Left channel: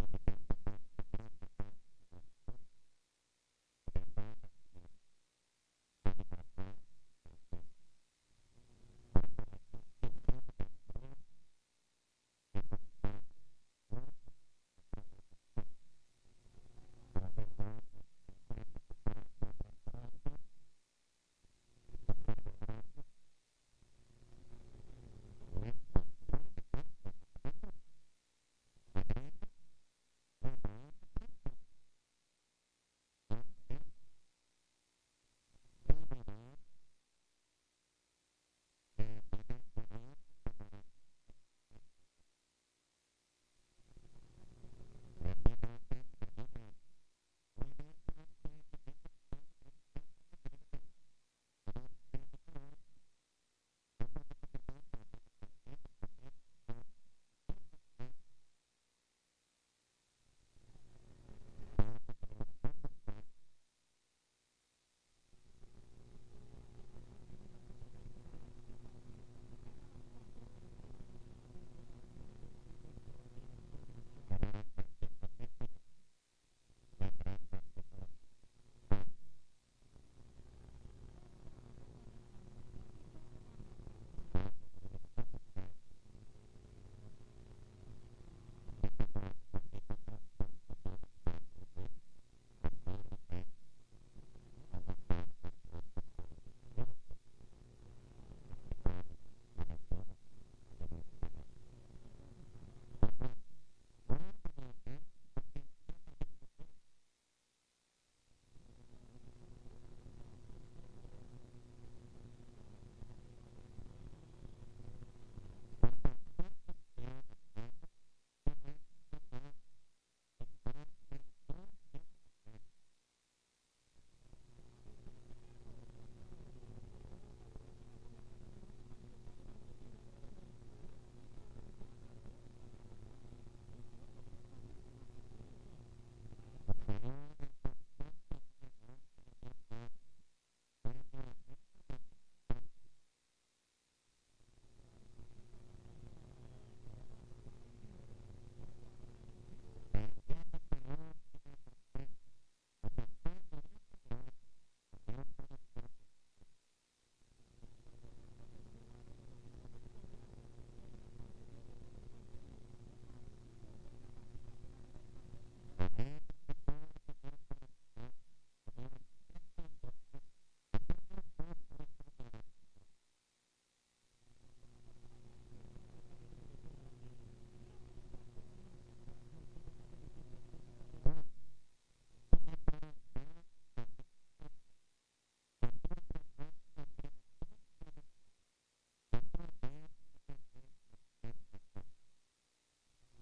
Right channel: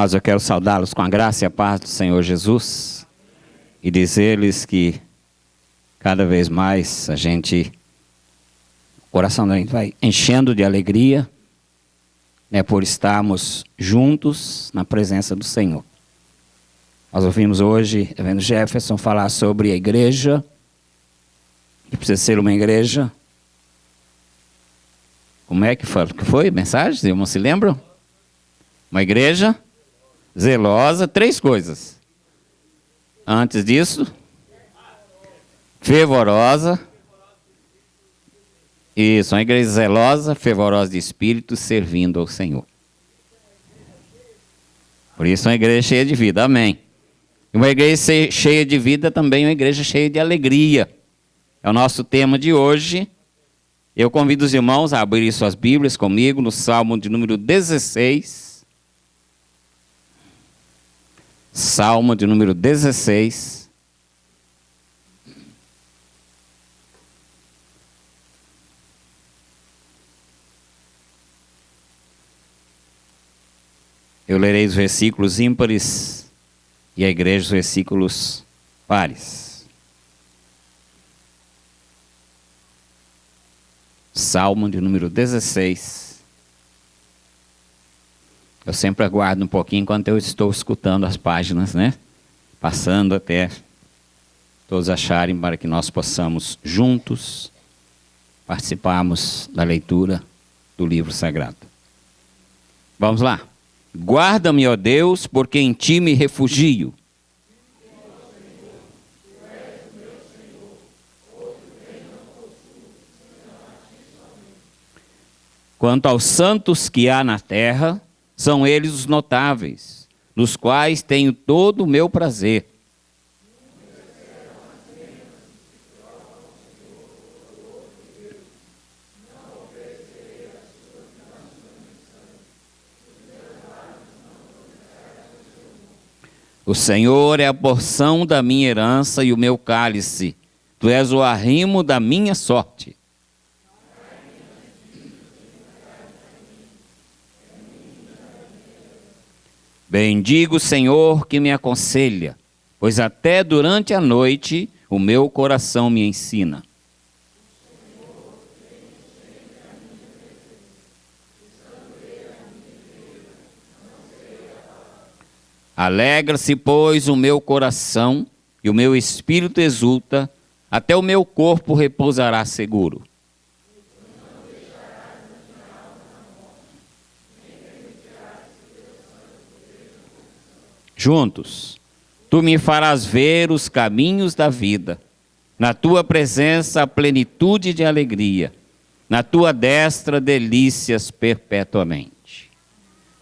Mas eu quero saudá-los com a graça e a paz do Senhor Jesus e dizer-lhes que cada vez mais o coração da gente vai enchendo de alegria, né, por estarmos juntos na presença do Senhor. Nós ouvimos hoje, Reverendo Jefferson, falar sobre a igreja, que precisa ser uma igreja. Como é que foi a mensagem? Vocês não se lembram? Uma igreja zelosa, 3 coisas. Antes disso, fervorosa. Isso, uma igreja zelosa, fervorosa de espírito, servindo ao Senhor. Por isso, uma igreja cheia de vida, amém. E uma igreja cheia de vida também é uma igreja cheia de alegria. É o nosso tema de hoje. Eu convido os irmãos a abrirem suas Bíblias comigo no Salmo de número 16. Salmo de número 16. Eu lerei os versículos ímpares e a igreja os versículos pares. Salmo de número 16. Eu sempre aguardo um pouquinho enquanto eu estou escutando as páginas, né? Passando até todos acharem, para que nós possamos juntos participarmos da leitura do livro sagrado. Vamos lá. Guarda-me, ó Deus, porque em ti me refugio. Quanto aos santos que há na terra, são eles os notáveis, nos quais tenho todo o meu prazer. O Senhor é a porção da minha herança e o meu cálice. Tu és o arrimo da minha sorte. Bendigo o Senhor que me aconselha, pois até durante a noite o meu coração me ensina. Alegra-se, pois, o meu coração e o meu espírito exulta, até o meu corpo repousará seguro. Juntos, tu me farás ver os caminhos da vida, na tua presença a plenitude de alegria, na tua destra delícias perpetuamente.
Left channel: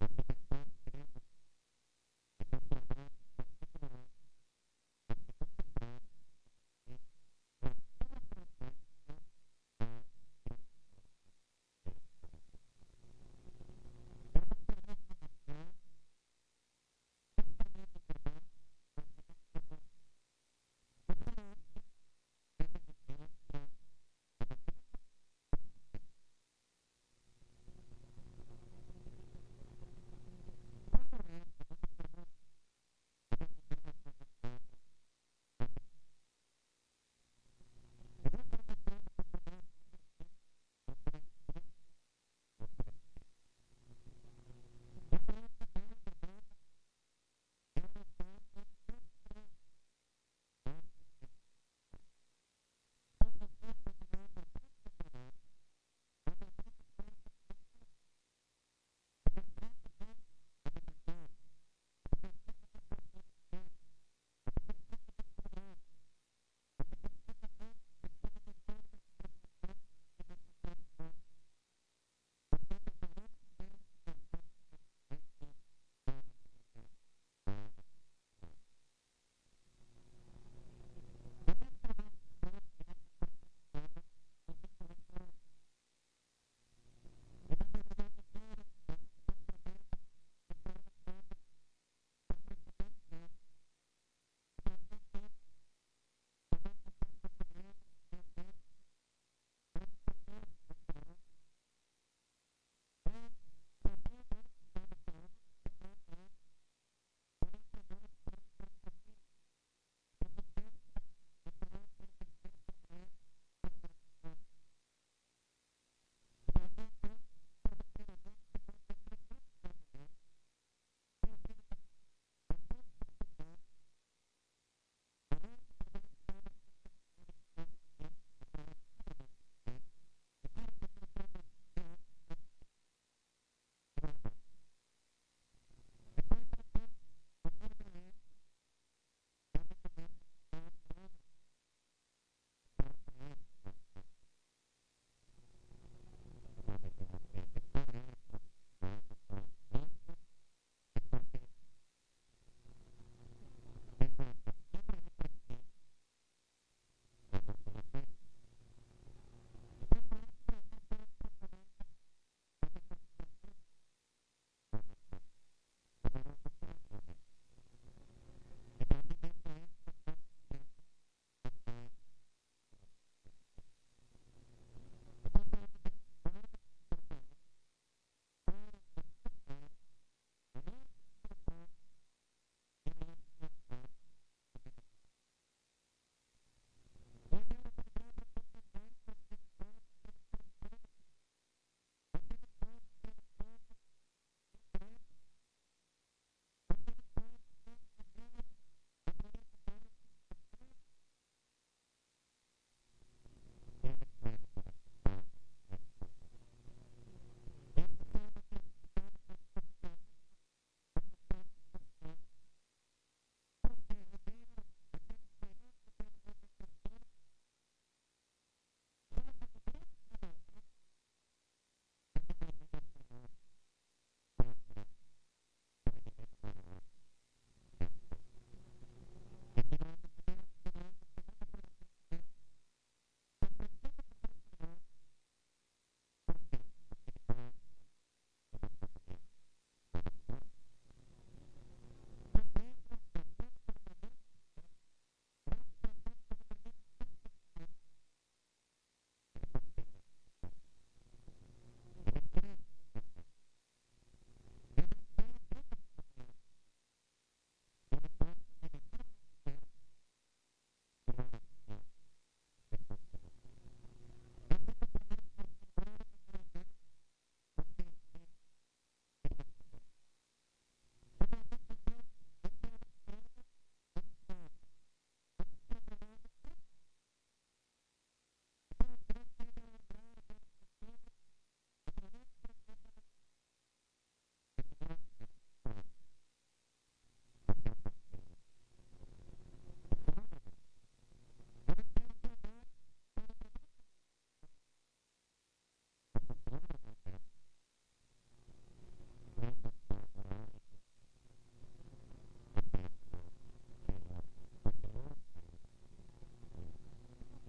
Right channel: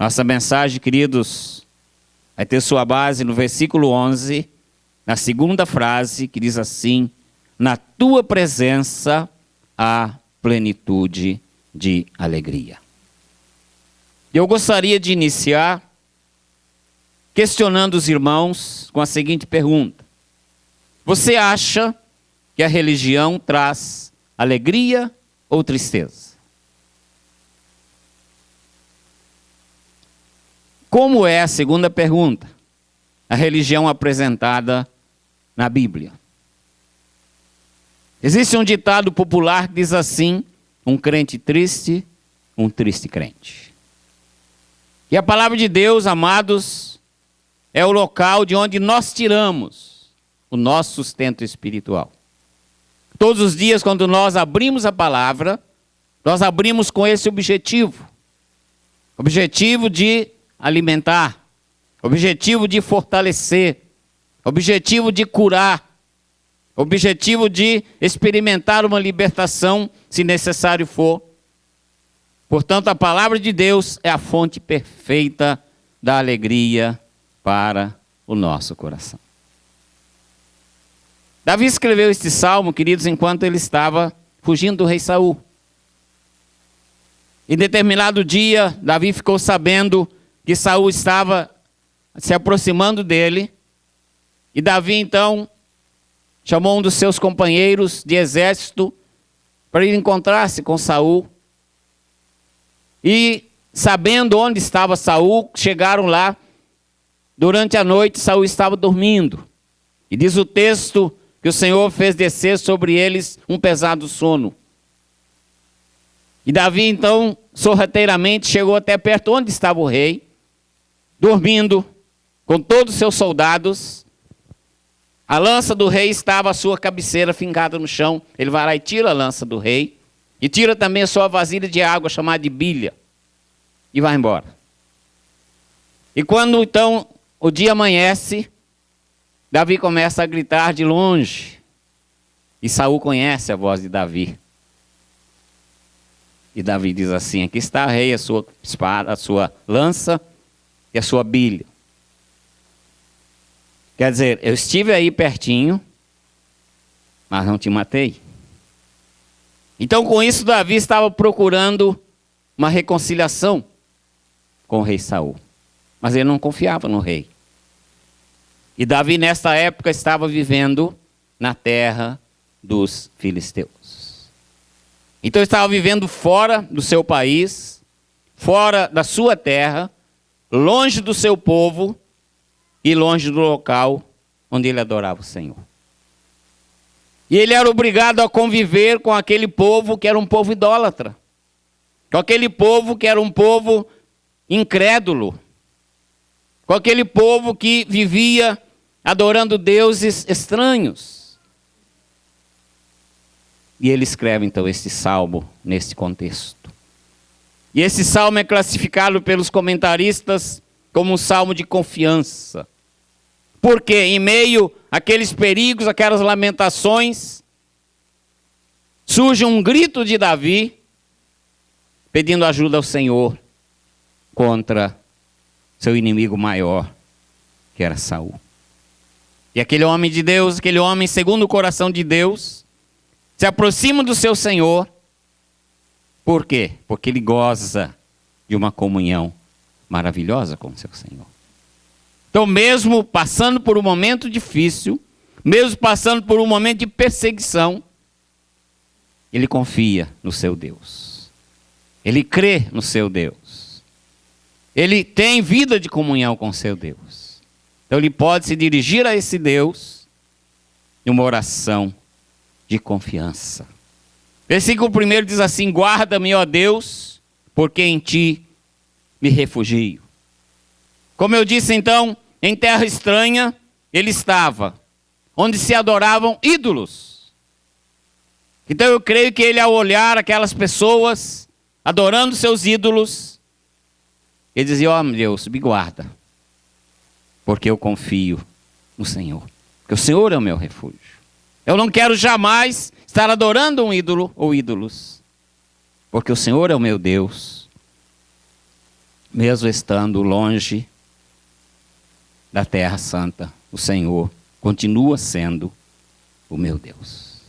Nossa mensagem, queridos, vai ter sua base no versículo 11, na segunda frase, que diz assim: na tua presença há plenitude de alegria. Eu gostaria de iniciar questionando os irmãos com a seguinte pergunta: você acha que a religião traz alegria ou tristeza? Como é a segunda pergunta? A religião apresentada na Bíblia. Existe um ditado popular que diz assim: um crente triste, um triste crente. E a palavra de Deus, amados, é o local de onde nós tiramos o nosso sustento espiritual. Todos os dias, quando nós abrimos a palavra, nós abrimos com esse objetivo. Objetivo de alimentar, objetivo de fortalecer, objetivo de curar, objetivo de experimentar uma libertação, se necessário for. Portanto, a palavra de Deus é a fonte perfeita da alegria para o nosso coração. Davi escreveu este salmo, queridos, enquanto ele estava fugindo do rei Saul. Em determinado dia, Davi ficou sabendo que Saul estava se aproximando dele. E Davi, então, chamou um dos seus companheiros de exército para ir encontrar-se com Saul. E, sabendo onde estava Saul, chegaram lá durante a noite, Saul estava dormindo. E diz o texto que o Senhor fez descer sobre eles um pesado sono. E Davi, então, sorrateiramente chegou até perto onde estava o rei, dormindo com todos os seus soldados. A lança do rei estava à sua cabeceira, fincada no chão. Ele vai lá e tira a lança do rei. E tira também a sua vasilha de água, chamada de bilha. E vai embora. E quando, então, o dia amanhece, Davi começa a gritar de longe. E Saul conhece a voz de Davi. E Davi diz assim: aqui está, rei, a sua espada, a sua lança e a sua bilha. Quer dizer, eu estive aí pertinho, mas não te matei. Então, com isso, Davi estava procurando uma reconciliação com o rei Saul. Mas ele não confiava no rei. E Davi, nesta época, estava vivendo na terra dos filisteus. Então, ele estava vivendo fora do seu país, fora da sua terra, longe do seu povo e longe do local onde ele adorava o Senhor. E ele era obrigado a conviver com aquele povo que era um povo idólatra. Com aquele povo que era um povo incrédulo. Com aquele povo que vivia adorando deuses estranhos. E ele escreve então este salmo nesse contexto. E esse salmo é classificado pelos comentaristas como um salmo de confiança. Porque em meio àqueles perigos, aquelas lamentações, surge um grito de Davi pedindo ajuda ao Senhor contra seu inimigo maior, que era Saul. E aquele homem de Deus, aquele homem segundo o coração de Deus, se aproxima do seu Senhor. Por quê? Porque ele goza de uma comunhão maravilhosa com o seu Senhor. Então, mesmo passando por um momento difícil, mesmo passando por um momento de perseguição, ele confia no seu Deus. Ele crê no seu Deus. Ele tem vida de comunhão com o seu Deus. Então, ele pode se dirigir a esse Deus em uma oração de confiança. Versículo 1 diz assim: guarda-me, ó Deus, porque em ti me refugio. Como eu disse então, em terra estranha ele estava, onde se adoravam ídolos. Então eu creio que ele, ao olhar aquelas pessoas adorando seus ídolos, ele dizia: ó Deus, me guarda, porque eu confio no Senhor, porque o Senhor é o meu refúgio. Eu não quero jamais estar adorando um ídolo ou ídolos, porque o Senhor é o meu Deus, mesmo estando longe da terra santa, o Senhor continua sendo o meu Deus.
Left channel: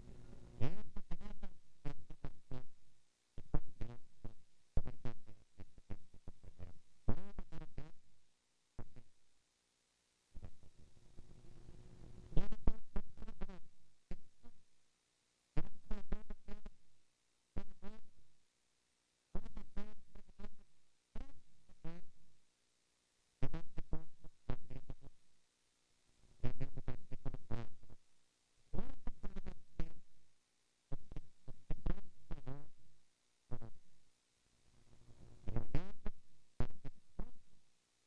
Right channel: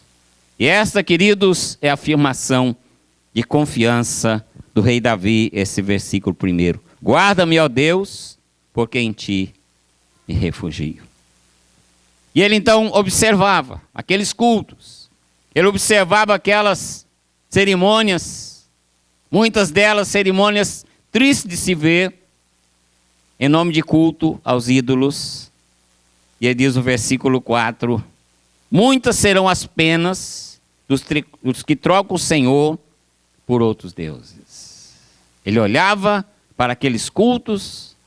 E esta, queridos, é a afirmação de confiança do rei Davi, esse versículo 1. Guarda-me, ó Deus, porque em ti me refugio. E ele então observava aqueles cultos, ele observava aquelas cerimônias, muitas delas cerimônias tristes de se ver, em nome de culto aos ídolos. E ele diz no versículo 4, muitas serão as penas dos que trocam o Senhor por outros deuses. Ele olhava para aqueles cultos,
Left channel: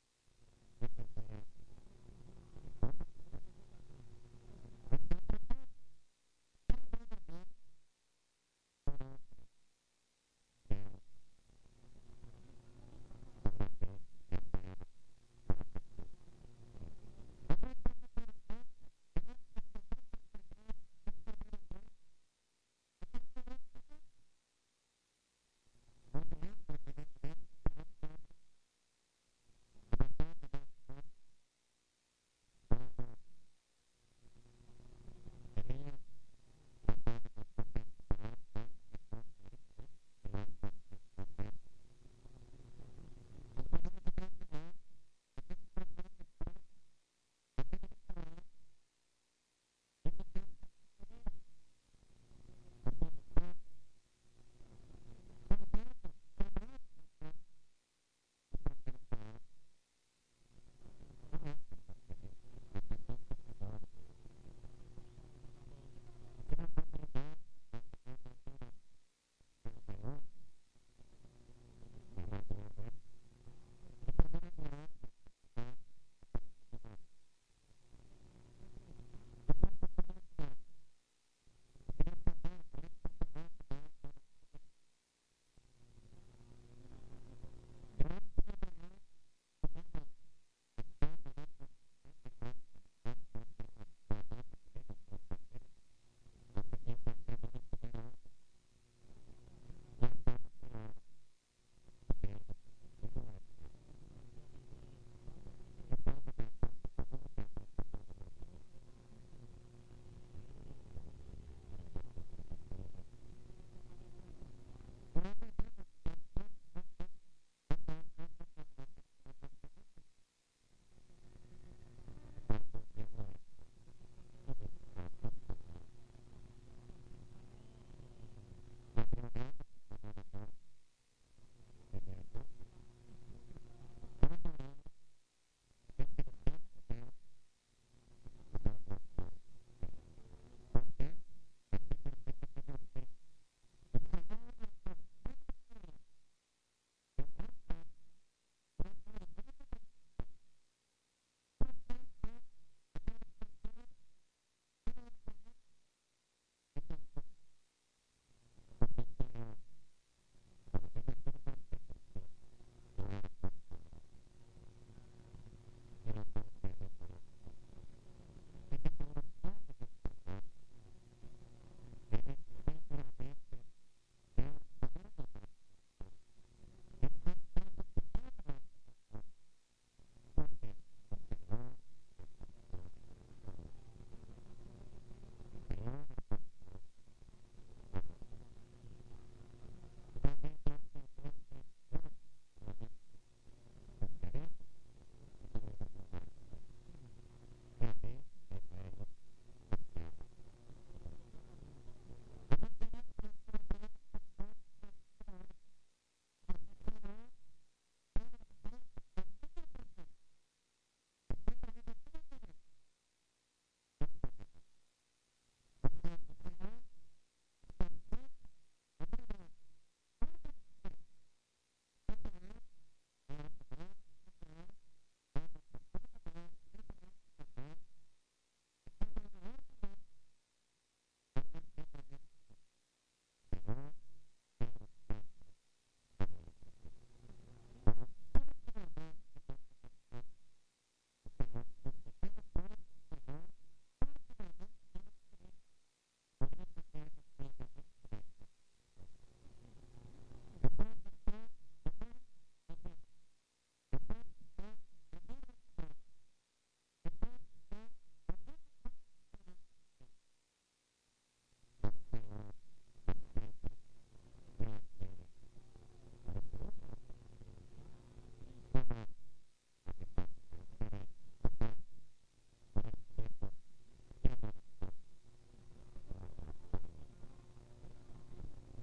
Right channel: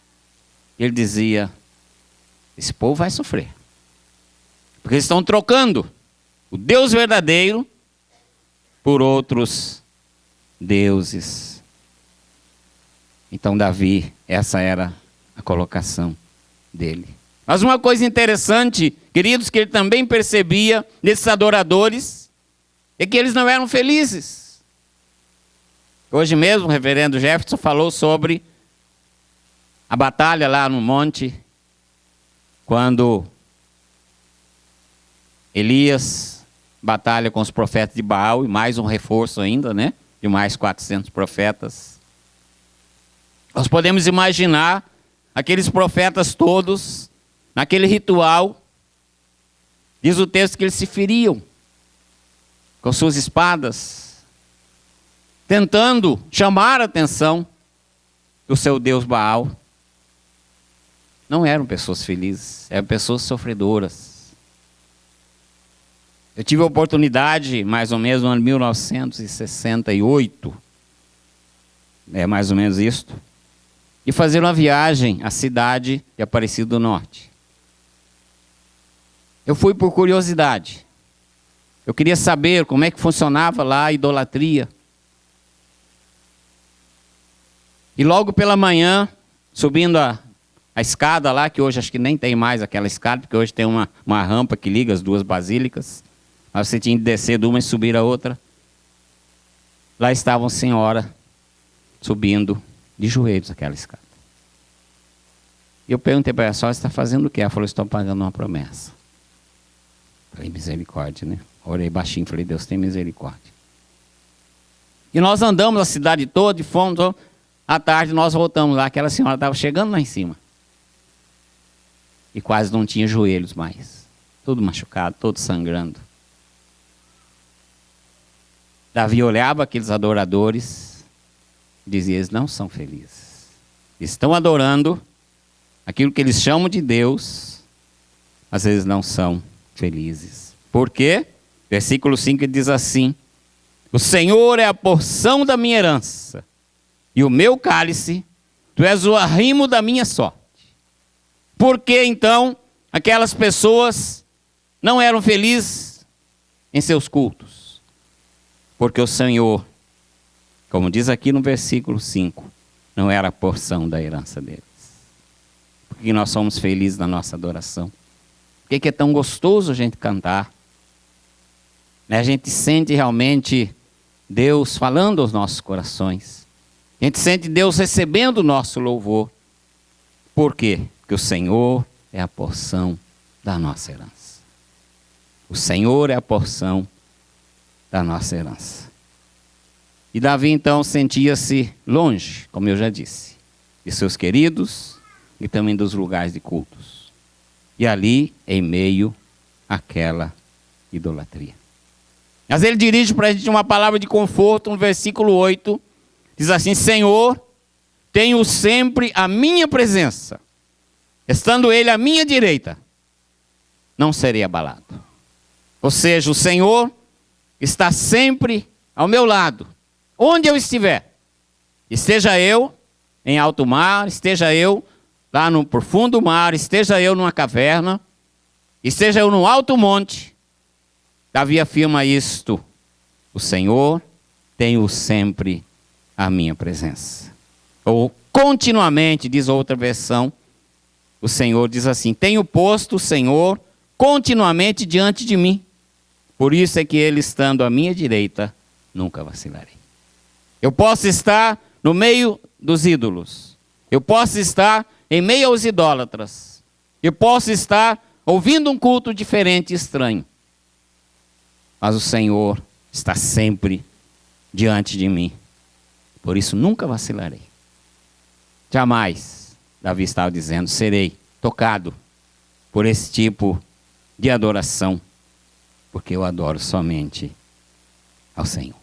e ele dizia: esse povo vai sofrer. Porque eles estão trocando o Deus verdadeiro por outros deuses. Então Davi, essa era a colocação dele. Mas uma coisa interessante, queridos, que ele também percebia nesses adoradores, é que eles não eram felizes. Hoje mesmo o reverendo Jefferson falou sobre a batalha lá no monte, quando Elias batalha com os profetas de Baal, e mais um reforço ainda, né? De mais 400 profetas. Nós podemos imaginar aqueles profetas todos, naquele ritual. Diz o texto que eles se feriam com suas espadas, tentando chamar a atenção do seu Deus Baal. não eram pessoas felizes, eram pessoas sofredoras. Eu tive a oportunidade, mais ou menos no ano 1968, mais ou menos isto, de fazer uma viagem à cidade de Aparecida do Norte. Eu fui por curiosidade. Eu queria saber como é que funcionava lá a idolatria. E logo pela manhã, subindo a escada lá, que hoje acho que nem tem mais aquela escada, porque hoje tem uma rampa que liga as duas basílicas. Mas você tinha que descer de uma e subir a outra. Lá estava uma senhora subindo de joelhos aquela escada. E eu perguntei para ela: a senhora está fazendo o quê? Ela falou: estou pagando uma promessa. Falei: misericórdia, né? Orei baixinho, falei: Deus tem misericórdia. E nós andamos a cidade toda e fomos. À tarde nós voltamos lá, aquela senhora estava chegando lá em cima. E quase não tinha joelhos mais. Tudo machucado, todo sangrando. Davi olhava aqueles adoradores e dizia: eles não são felizes. Estão adorando aquilo que eles chamam de Deus, mas eles não são felizes. Por quê? Versículo 5 diz assim: o Senhor é a porção da minha herança e o meu cálice, tu és o arrimo da minha sorte. Por que então aquelas pessoas não eram felizes em seus cultos? Porque o Senhor, como diz aqui no versículo 5, não era a porção da herança deles. Porque nós somos felizes na nossa adoração. Por que é tão gostoso a gente cantar? A gente sente realmente Deus falando aos nossos corações. A gente sente Deus recebendo o nosso louvor. Por quê? Porque o Senhor é a porção da nossa herança. O Senhor é a porção da nossa herança. E Davi então sentia-se longe, como eu já disse, de seus queridos e também dos lugares de cultos. E ali, em meio àquela idolatria. Mas ele dirige para a gente uma palavra de conforto no versículo 8. Diz assim: Senhor, tenho sempre a minha presença. Estando ele à minha direita, não serei abalado. Ou seja, o Senhor está sempre ao meu lado, onde eu estiver. Esteja eu em alto mar, esteja eu lá no profundo mar, esteja eu numa caverna, esteja eu no alto monte. Davi afirma isto: o Senhor tem sempre a minha presença. Ou continuamente, diz outra versão, o Senhor diz assim: tenho posto o Senhor continuamente diante de mim. Por isso é que ele, estando à minha direita, nunca vacilarei. Eu posso estar no meio dos ídolos. Eu posso estar em meio aos idólatras. Eu posso estar ouvindo um culto diferente e estranho. Mas o Senhor está sempre diante de mim. Por isso nunca vacilarei. Jamais, Davi estava dizendo, serei tocado por esse tipo de adoração, porque eu adoro somente ao Senhor.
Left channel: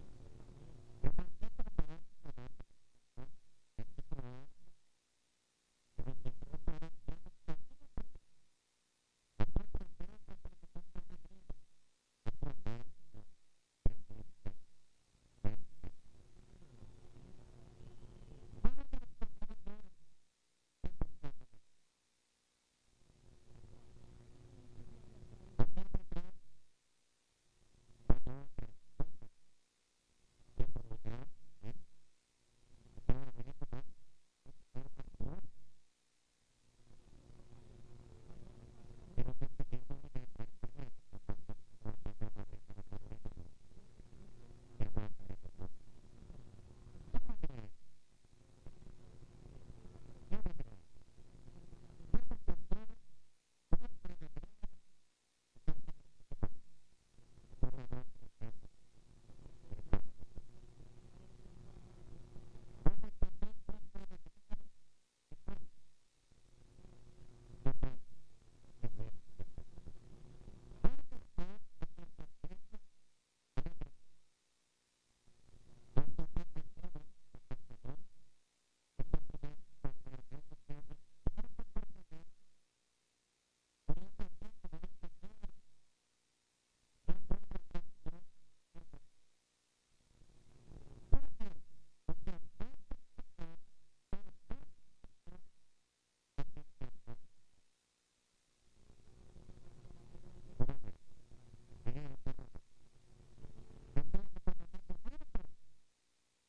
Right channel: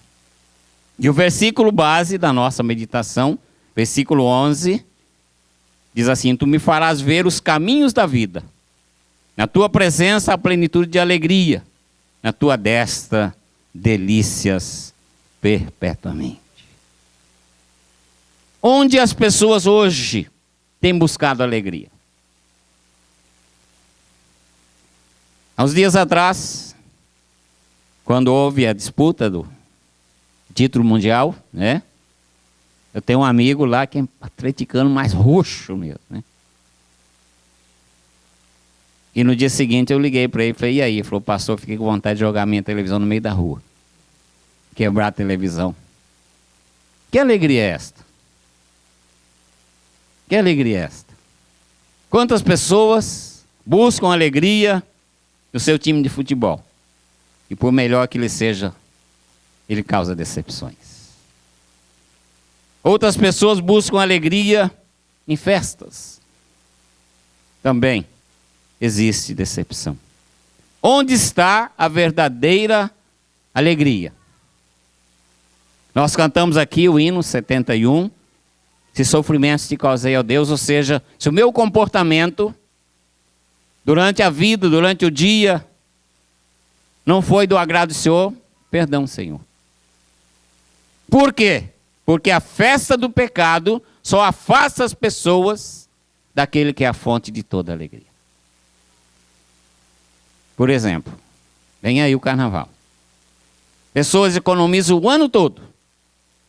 E o versículo base da nossa meditação, versículo 11, diz assim: tu me farás ver os caminhos da vida. Na tua presença há plenitude de alegria. Na tua destra, delícias perpetuamente. Onde as pessoas hoje têm buscado alegria? Há uns dias atrás, quando houve a disputa do título mundial, né? Eu tenho um amigo lá que é atleticano mais roxo mesmo, né? E no dia seguinte eu liguei para ele e falei: e aí? Ele falou: pastor, fiquei com vontade de jogar minha televisão no meio da rua. Quebrar a televisão. Que alegria é esta? Que alegria é esta? Quantas pessoas buscam alegria no seu time de futebol? E por melhor que ele seja, ele causa decepções. Outras pessoas buscam alegria em festas. Também existe decepção. Onde está a verdadeira alegria? Nós cantamos aqui o hino 71. se sofrimentos te causei, ó Deus, ou seja, se o meu comportamento durante a vida, durante o dia, não foi do agrado do Senhor, perdão, Senhor. Por quê? Porque a festa do pecado só afasta as pessoas daquele que é a fonte de toda alegria. Por exemplo, vem aí o carnaval. Pessoas economizam o ano todo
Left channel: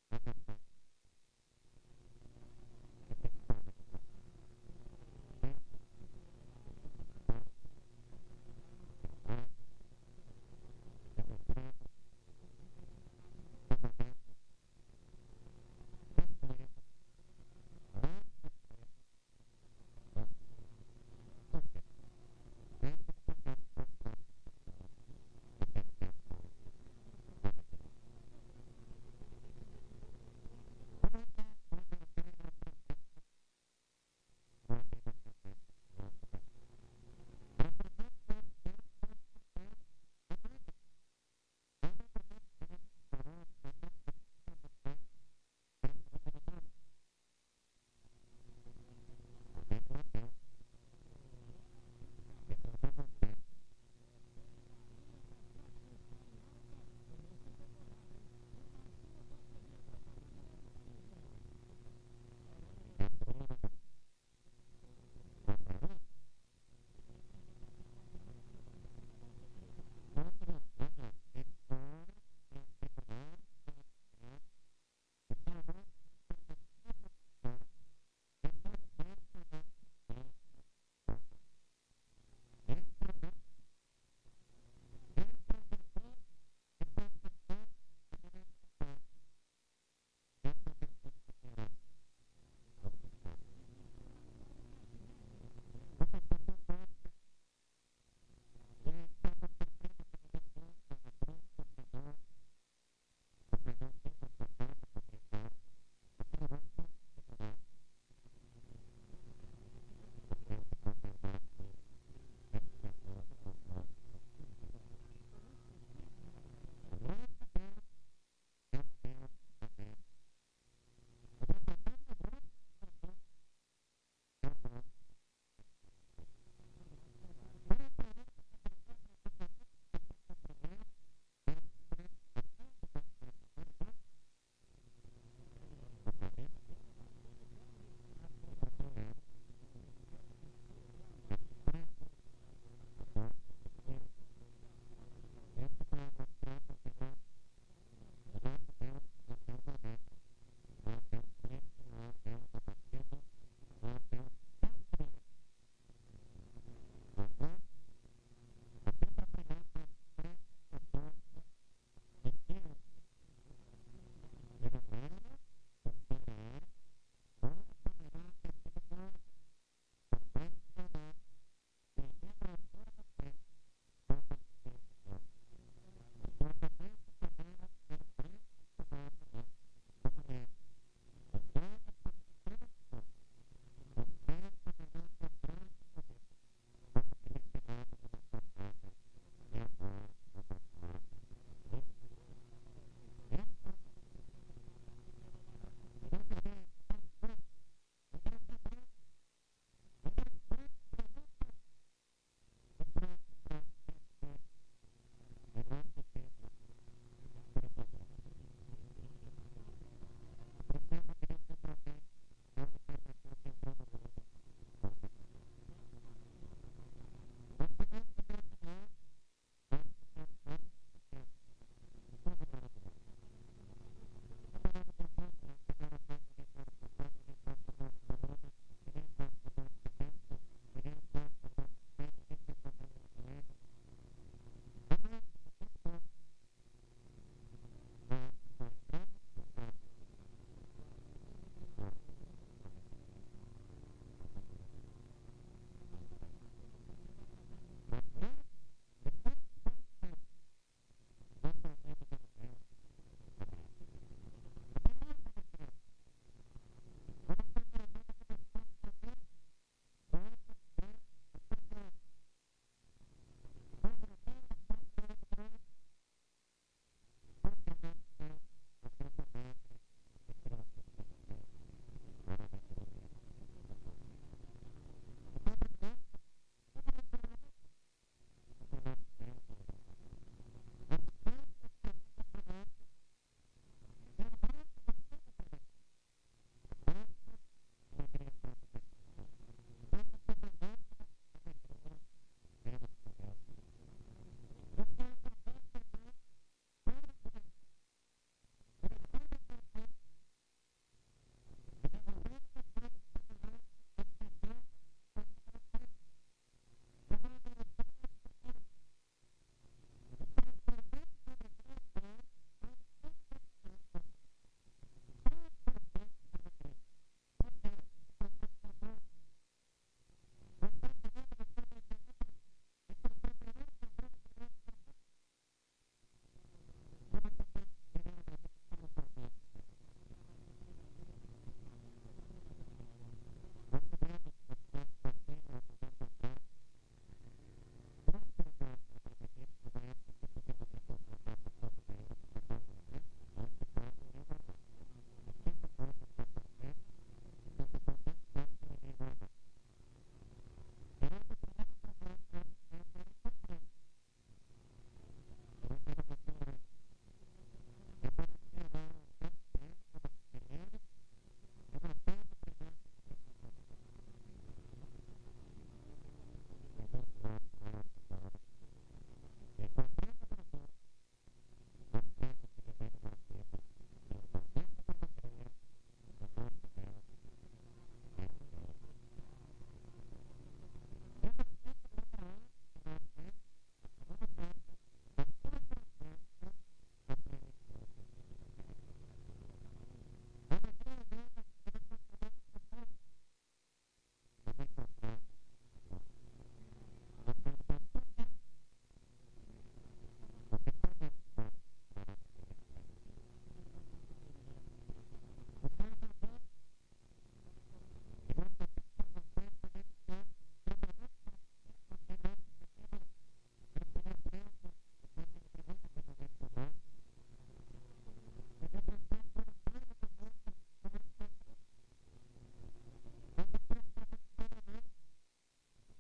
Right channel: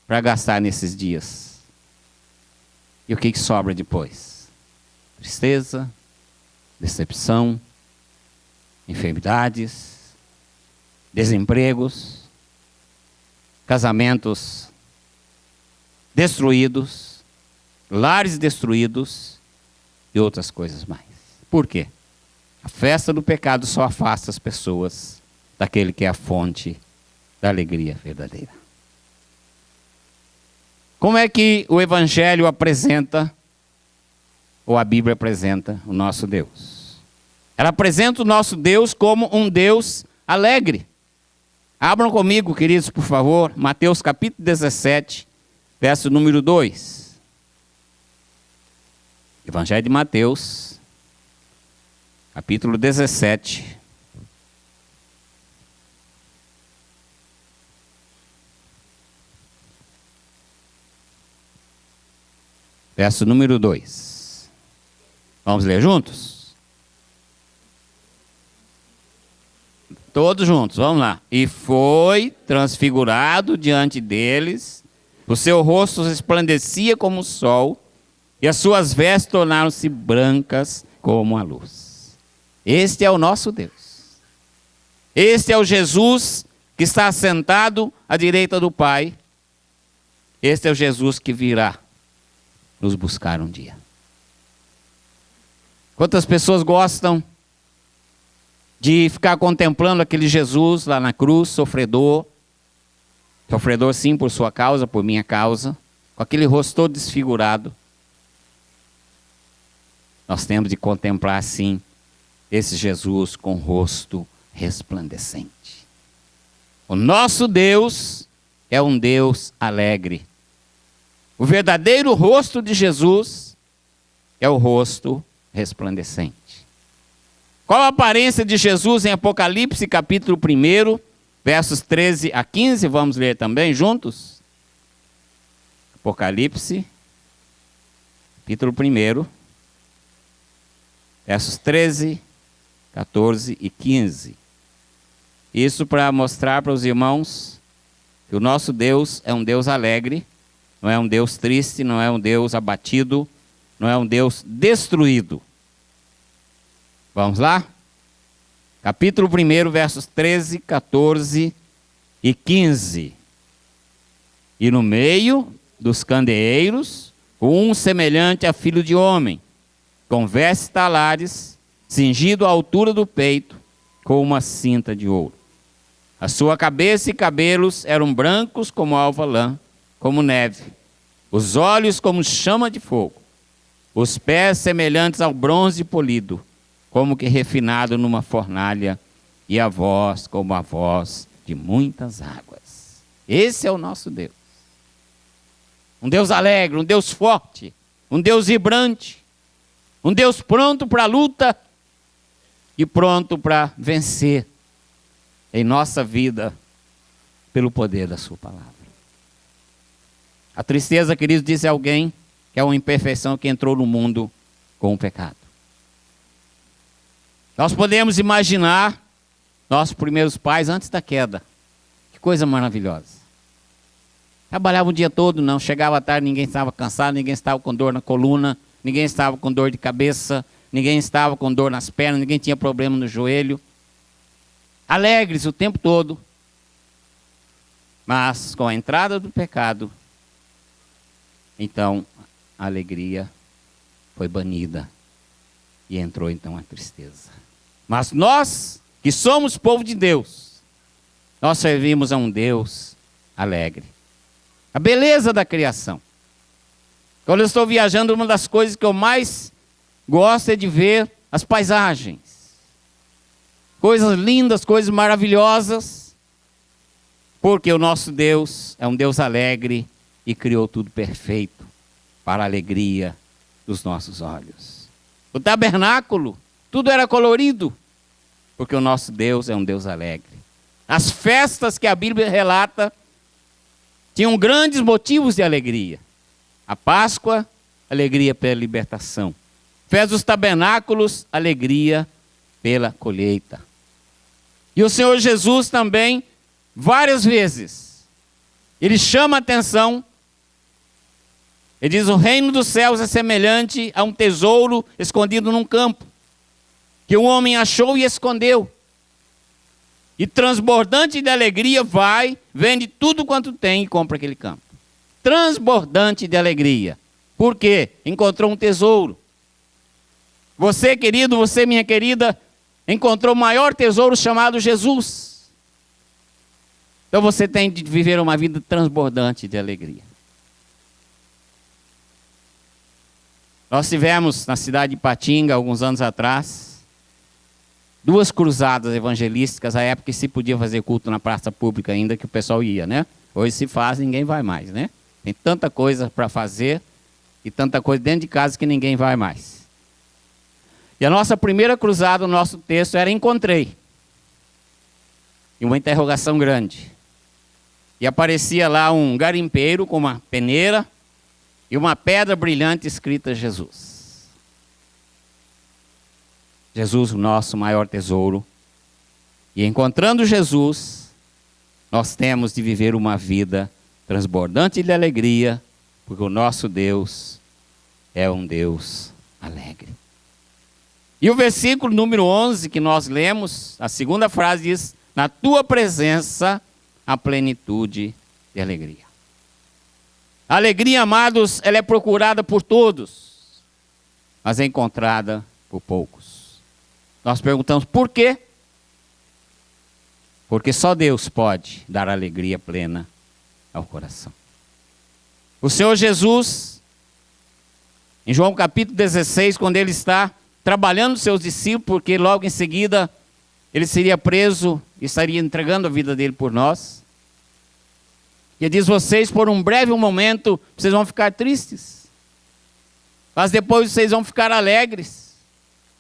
para gastar nesses dias. E o que sobra depois? Tristeza, decepção, enfermidades, desempregos, casamentos destruídos, lares destruídos e outras coisas mais. Por quê? A festa do pecado só afasta as pessoas daquele que é a fonte da alegria verdadeira. Como é que o Evangelho apresenta, ou a Bíblia apresenta, o nosso Deus? Ela apresenta o nosso Deus como um Deus alegre. Abram comigo, queridos, por favor, Mateus capítulo 17, verso número 2. Evangelho de Mateus, capítulo 17. Verso número 2. Vamos ler juntos? Todos juntos, vamos lá. E foi transfigurado diante deles, o seu rosto resplandecia como o sol, e as suas vestes tornaram-se brancas como a luz. Este é o nosso Deus. Este é o Jesus que está assentado à direita do Pai. Este é o Jesus que virá nos buscar um dia. Quantas pessoas gostam de ficar contemplando aquele Jesus lá na cruz, sofredor sim por sua causa, por minha causa, com aquele rosto todo desfigurado. Nós temos de contemplar sim esse Jesus com o rosto resplandecente. O nosso Deus é um Deus alegre. O verdadeiro rosto de Jesus é o rosto resplandecente. Qual a aparência de Jesus em Apocalipse, capítulo 1, versos 13 a 15? Vamos ler também juntos? Apocalipse, capítulo 1, versos 13, 14 e 15. Isso para mostrar para os irmãos que o nosso Deus é um Deus alegre, não é um Deus triste, não é um Deus abatido, não é um Deus destruído. Vamos lá? Capítulo 1, versos 13, 14 e 15. E no meio dos candeeiros, um semelhante a filho de homem, com vestes talares, cingido à altura do peito, com uma cinta de ouro. A sua cabeça e cabelos eram brancos como alva lã, como neve, os olhos como chama de fogo, os pés semelhantes ao bronze polido, como que refinado numa fornalha, e a voz como a voz de muitas águas. Esse é o nosso Deus. Um Deus alegre, um Deus forte, um Deus vibrante, um Deus pronto para a luta e pronto para vencer em nossa vida pelo poder da sua palavra. A tristeza, queridos, diz alguém que é uma imperfeição que entrou no mundo com o pecado. Nós podemos imaginar nossos primeiros pais antes da queda. Que coisa maravilhosa. Trabalhava o dia todo, não. Chegava à tarde, ninguém estava cansado, ninguém estava com dor na coluna, ninguém estava com dor de cabeça, ninguém estava com dor nas pernas, ninguém tinha problema no joelho. Alegres o tempo todo. Mas com a entrada do pecado, então a alegria foi banida e entrou então a tristeza. Mas nós, que somos povo de Deus, nós servimos a um Deus alegre. A beleza da criação. Quando eu estou viajando, uma das coisas que eu mais gosto é de ver as paisagens. Coisas lindas, coisas maravilhosas. Porque o nosso Deus é um Deus alegre e criou tudo perfeito. para a alegria dos nossos olhos. O tabernáculo, tudo era colorido, porque o nosso Deus é um Deus alegre. As festas que a Bíblia relata tinham grandes motivos de alegria. A Páscoa, alegria pela libertação. Festa dos tabernáculos, alegria pela colheita. E o Senhor Jesus também, várias vezes, ele chama a atenção. Ele diz: o reino dos céus é semelhante a um tesouro escondido num campo, que um homem achou e escondeu. E transbordante de alegria vai, vende tudo quanto tem e compra aquele campo. Transbordante de alegria. Por quê? Encontrou um tesouro. Você, querido, você, minha querida, encontrou o maior tesouro chamado Jesus. Então você tem de viver uma vida transbordante de alegria. Nós tivemos na cidade de Ipatinga, alguns anos atrás, 2 cruzadas evangelísticas, à época que se podia fazer culto na praça pública ainda, que o pessoal ia, né? Hoje se faz, ninguém vai mais, né? Tem tanta coisa para fazer e tanta coisa dentro de casa que ninguém vai mais. E a nossa primeira cruzada, o nosso texto era encontrei. E uma interrogação grande. E aparecia lá um garimpeiro com uma peneira e uma pedra brilhante escrita Jesus. Jesus, o nosso maior tesouro. E encontrando Jesus, nós temos de viver uma vida transbordante de alegria, porque o nosso Deus é um Deus alegre. E o versículo número 11 que nós lemos, a segunda frase diz: na tua presença a plenitude de alegria. A alegria, amados, ela é procurada por todos, mas é encontrada por poucos. Nós perguntamos por quê? Porque só Deus pode dar alegria plena ao coração. O Senhor Jesus, em João capítulo 16, quando ele está trabalhando seus discípulos, porque logo em seguida ele seria preso e estaria entregando a vida dele por nós. E ele diz: vocês por um breve momento, vocês vão ficar tristes, mas depois vocês vão ficar alegres.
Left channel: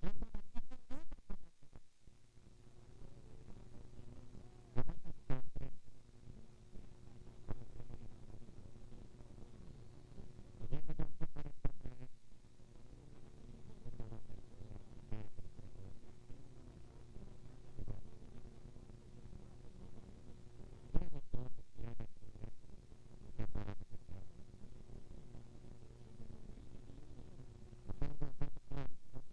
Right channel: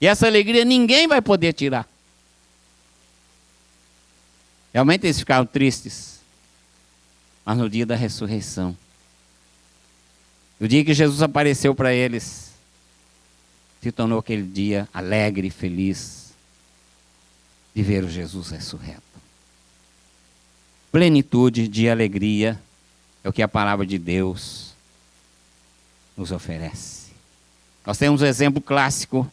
E essa alegria ninguém vai poder tirar. Realmente eles ficaram tristes, mas no dia da ressurreição, no dia que Jesus apareceu para eles, se tornou aquele dia alegre e feliz de ver o Jesus ressurreto. Plenitude de alegria é o que a palavra de Deus nos oferece. Nós temos um exemplo clássico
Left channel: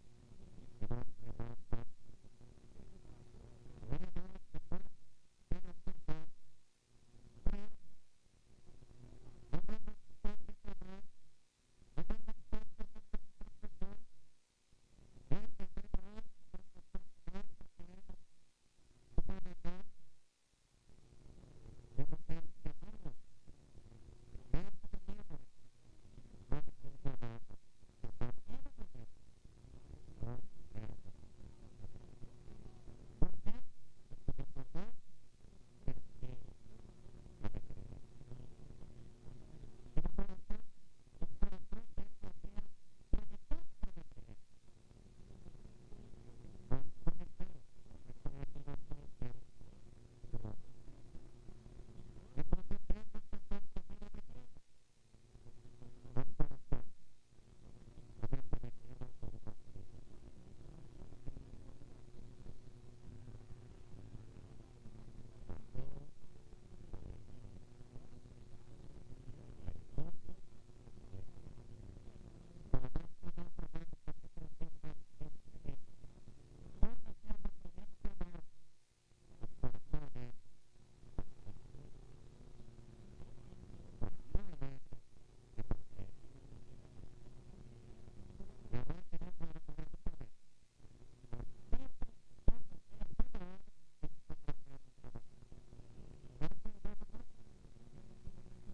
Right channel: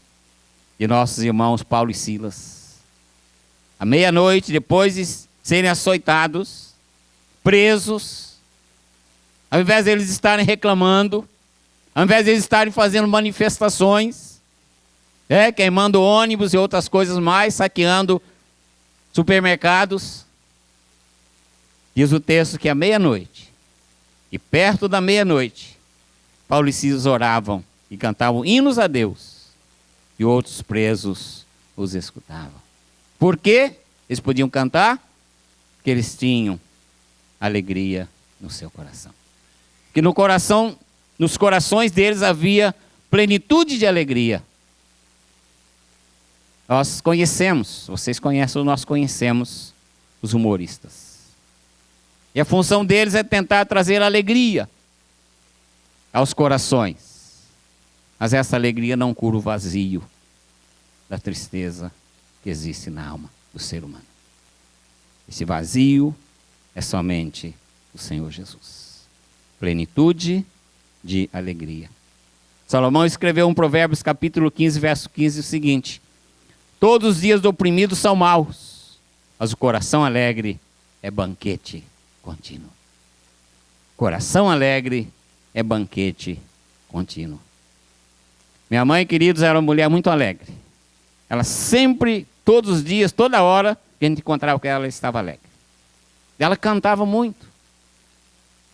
de nossos irmãos Paulo e Silas. À meia-noite, depois de serem açoitados, presos, ao invés deles estarem reclamando, ao invés deles estarem fazendo manifestações, queimando ônibus e outras coisas mais, saqueando supermercados, diz o texto que à meia-noite, e perto da meia-noite, Paulo e Silas oravam e cantavam hinos a Deus, e outros presos os escutavam. Por quê? Eles podiam cantar? Porque eles tinham alegria no seu coração. Que nos corações deles havia plenitude de alegria. Nós conhecemos, vocês conhecem, nós conhecemos os humoristas. E a função deles é tentar trazer alegria aos corações. Mas essa alegria não cura o vazio da tristeza que existe na alma do ser humano. Esse vazio é somente o Senhor Jesus. Plenitude de alegria. Salomão escreveu em Provérbios capítulo 15, verso 15, o seguinte: todos os dias do oprimido são maus, mas o coração alegre é banquete contínuo. Coração alegre é banquete contínuo. Minha mãe, queridos, era uma mulher muito alegre. Ela sempre, todos os dias, toda hora, que a gente encontrava com ela, ela estava alegre. Ela cantava muito.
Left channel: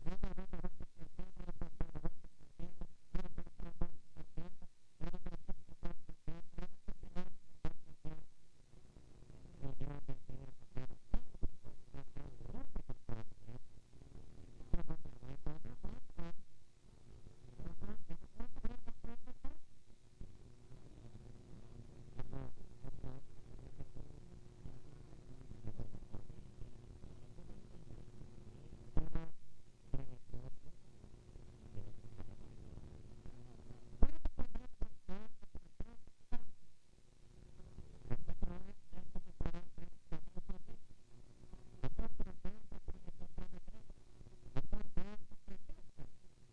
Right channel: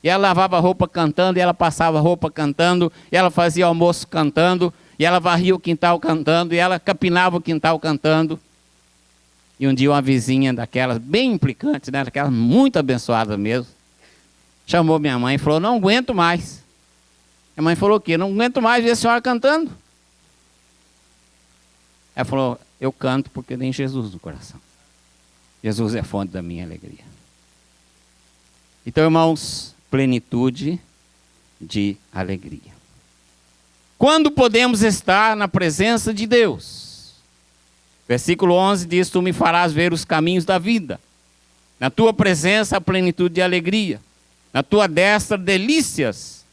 E ela lavava roupa cantando, e ela passava roupa cantando, e ela fazia almoço cantando, e ela varria o quintal cantando, e ela capinava o quintal cantando. E um dia uma vizinha daquelas, bem implicante, né, daquelas muito abençoadas mesmo, chamou minha mãe e falou: não aguento mais. A mãe falou o quê? Não aguento mais ver a senhora cantando. Ela falou, eu canto porque tem Jesus no coração. Jesus é a fonte da minha alegria. Então, irmãos, plenitude de alegria. Quando podemos estar na presença de Deus? Versículo 11 diz, tu me farás ver os caminhos da vida. Na tua presença, a plenitude de alegria. Na tua destra, delícias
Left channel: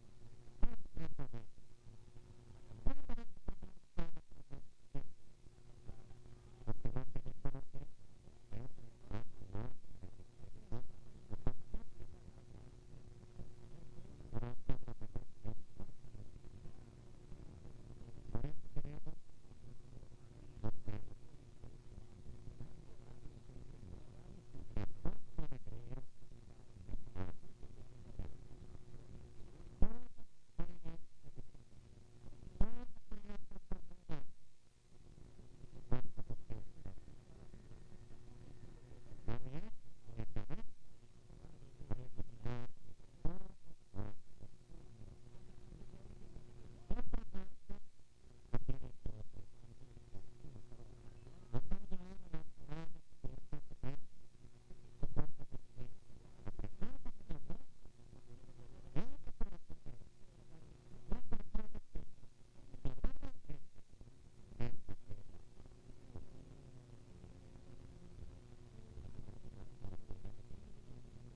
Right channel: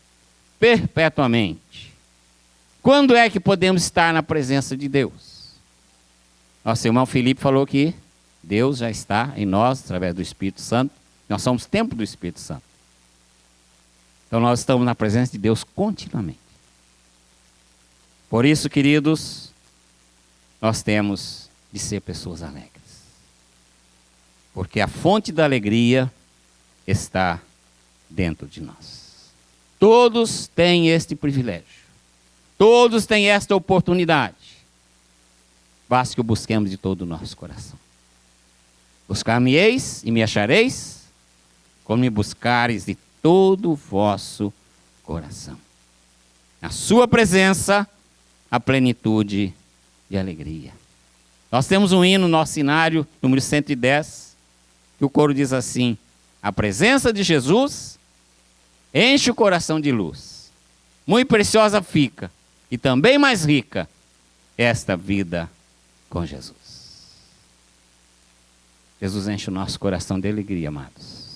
perpetuamente. Quando é que podemos estar na presença de Deus? Nosso irmão Felipe falou que Deus já está em nós, através do Espírito Santo. Nós somos templo do Espírito Santo. Então nós estamos na presença de Deus continuamente. Por isso, queridos, nós temos de ser pessoas alegres. Porque a fonte da alegria está dentro de nós. Todos têm este privilégio. Todos têm esta oportunidade. Basta que o busquemos de todo o nosso coração. Buscar-me-eis e me achareis, quando me buscares de todo o vosso coração. Na sua presença, a plenitude de alegria. Nós temos um hino no nosso cenário, número 110, que o coro diz assim, a presença de Jesus enche o coração de luz. Muito preciosa fica, e também mais rica, esta vida com Jesus. Jesus enche o nosso coração de alegria, amados.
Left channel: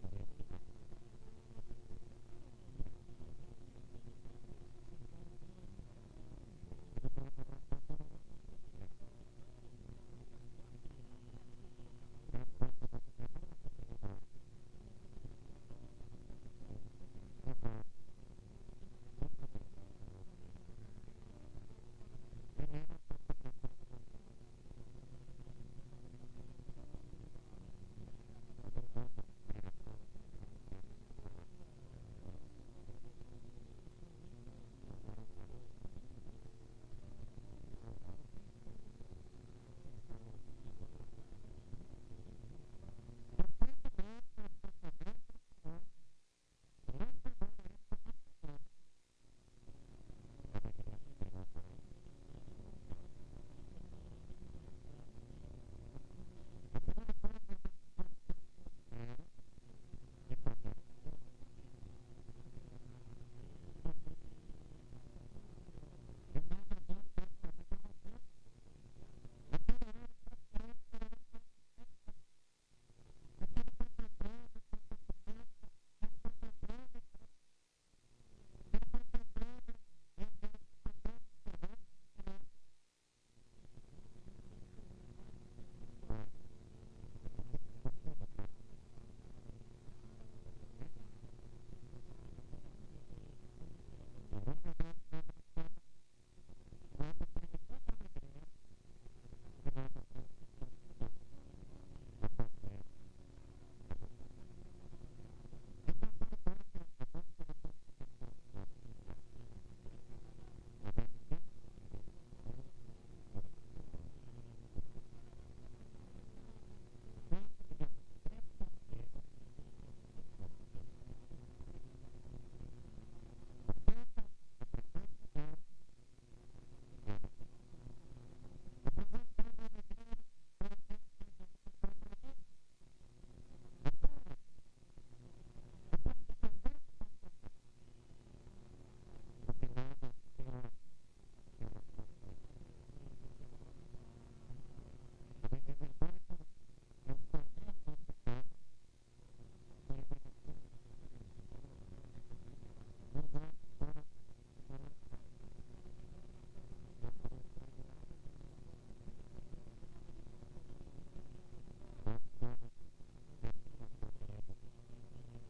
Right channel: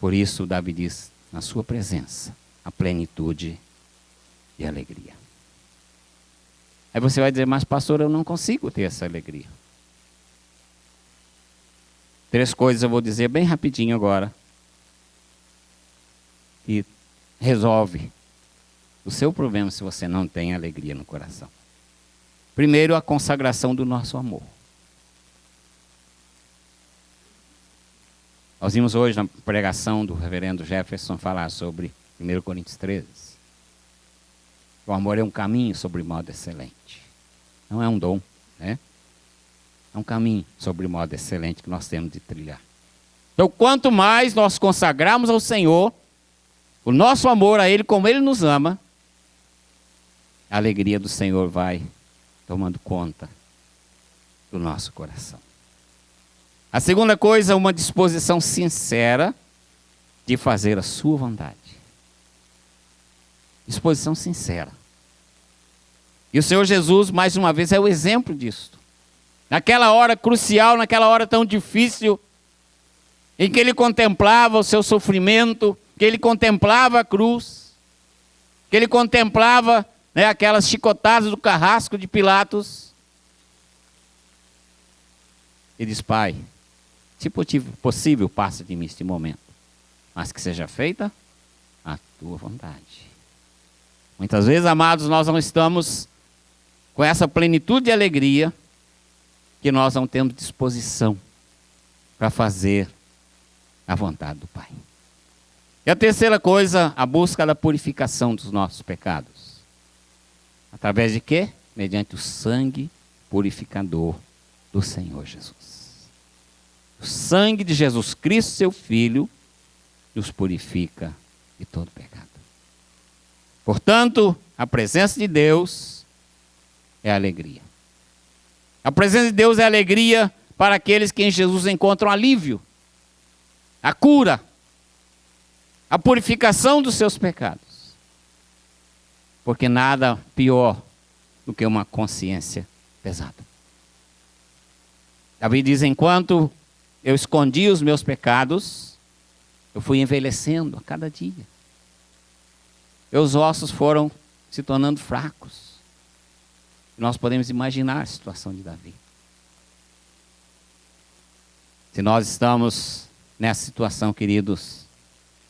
Por isso, Davi diz, na sua presença, a plenitude de alegria. Aí você vai dizer, mas pastor, eu não consigo ter essa alegria. 3 coisas eu vou dizer bem rapidinho agora. E resolve o seu problema se você não tem alegria no coração. Primeiro, a consagração do nosso amor. Nós vimos hoje na pregação do reverendo Jefferson falar sobre 1 Coríntios 13. O amor é um caminho sobre modo excelente. Não é um dom, né? É um caminho sobre modo excelente que nós temos de trilhar. Então, quanto mais nós consagrarmos ao Senhor, o nosso amor a Ele, como Ele nos ama, a alegria do Senhor vai tomando conta do nosso coração. A segunda coisa, uma disposição sincera de fazer a sua vontade. Disposição sincera. E o Senhor Jesus, mais uma vez, é o exemplo disso. Naquela hora crucial, naquela hora tão difícil, em que Ele contemplava o seu sofrimento, que Ele contemplava a cruz, que Ele contemplava, né, aquelas chicotadas do carrasco de Pilatos. Ele diz, Pai, se possível, passa de mim este momento, mas que seja feita a tua vontade. Muitas vezes, amados, nós não estamos com essa plenitude de alegria, que nós não temos disposição para fazer a vontade do Pai. E a terceira coisa, a busca da purificação dos nossos pecados. Através de quê? Mediante o sangue purificador do Senhor Jesus. O sangue de Jesus Cristo, seu Filho, nos purifica de todo pecado. Portanto, a presença de Deus é alegria. A presença de Deus é alegria para aqueles que em Jesus encontram alívio, a cura, a purificação dos seus pecados. Porque nada pior do que uma consciência pesada. Davi diz, enquanto eu escondi os meus pecados, eu fui envelhecendo a cada dia. Meus ossos foram se tornando fracos. Nós podemos imaginar a situação de Davi. Se nós estamos nessa situação, queridos,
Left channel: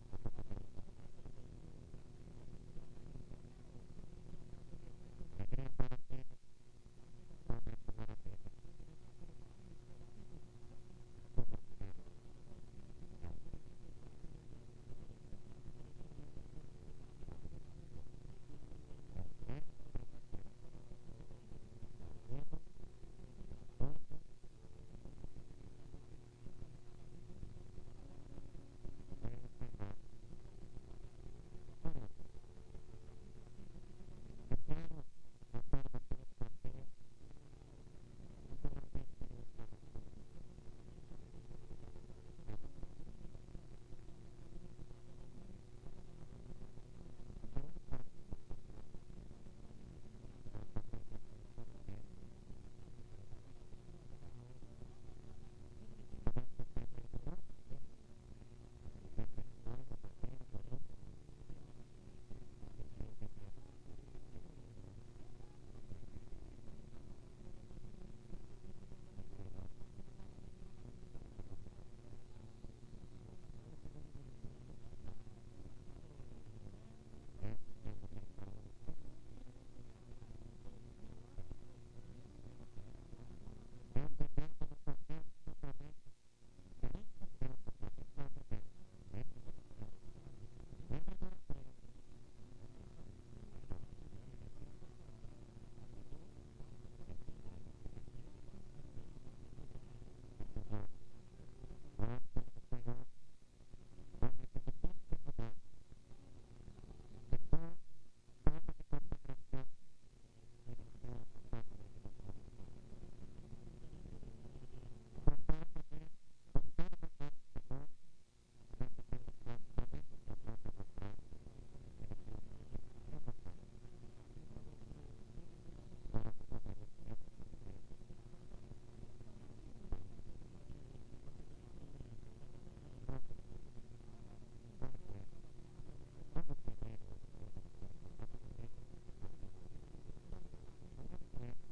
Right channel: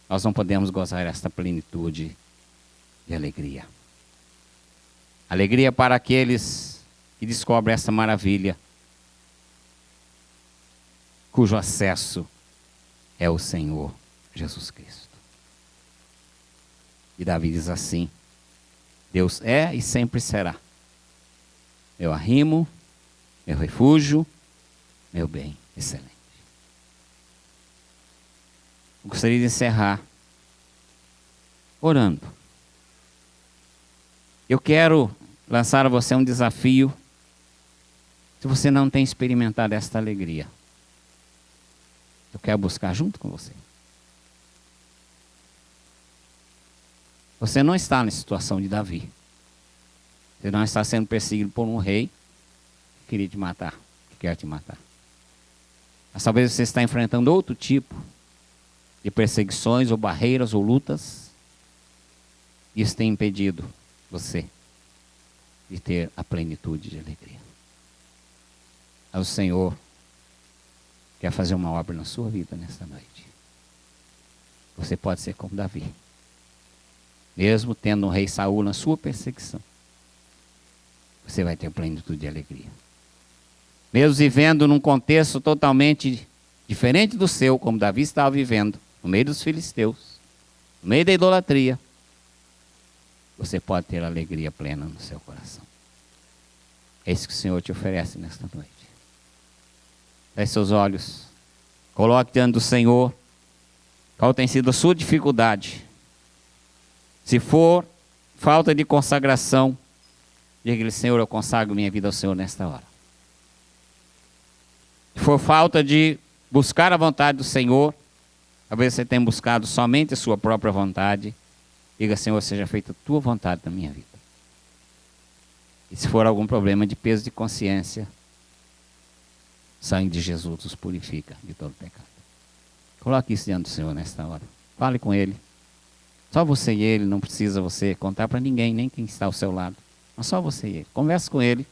nós não podemos gozar desta plenitude de alegria. Alegria para aqueles que descobrem essa maravilha, cujo acesso é o Senhor Jesus Cristo. E Davi diz assim, Deus é e sempre será meu arrimo, meu refúgio, meu bem excelente. Eu gostaria de encerrar orando, Eu quero lançar a você um desafio. Se você não tem experimentado esta alegria, eu quero buscar junto com você. Você não está na situação de Davi. Você não está sendo perseguido por um rei que queria te matar, que quer te matar. Mas talvez você está enfrentando outro tipo de perseguições, ou barreiras, ou lutas. Isso tem impedido você de ter a plenitude de alegria. Mas o Senhor quer fazer uma obra na sua vida nesta noite. Você pode ser como Davi. Mesmo tendo um rei Saul na sua perseguição, você vai ter plenitude de alegria. Mesmo vivendo num contexto totalmente diferente do seu, como Davi estava vivendo, no meio dos filisteus, no meio da idolatria, você pode ter alegria plena no seu coração. É isso que o Senhor te oferece nesta noite. Feche seus olhos, coloque diante do Senhor qual tem sido a sua dificuldade. Se for falta de consagração, diga-lhe: Senhor, eu consagro minha vida ao Senhor nesta hora. Se for falta de buscar a vontade do Senhor, talvez você tenha buscado somente a sua própria vontade, diga: Senhor, seja feita a tua vontade na minha vida. E se for algum problema de peso de consciência, o sangue de Jesus os purifica de todo pecado. Coloque isso diante do Senhor nesta hora. Fale com Ele. Só você e Ele, não precisa você contar para ninguém, nem quem está ao seu lado. Mas só você e Ele. Converse com Ele.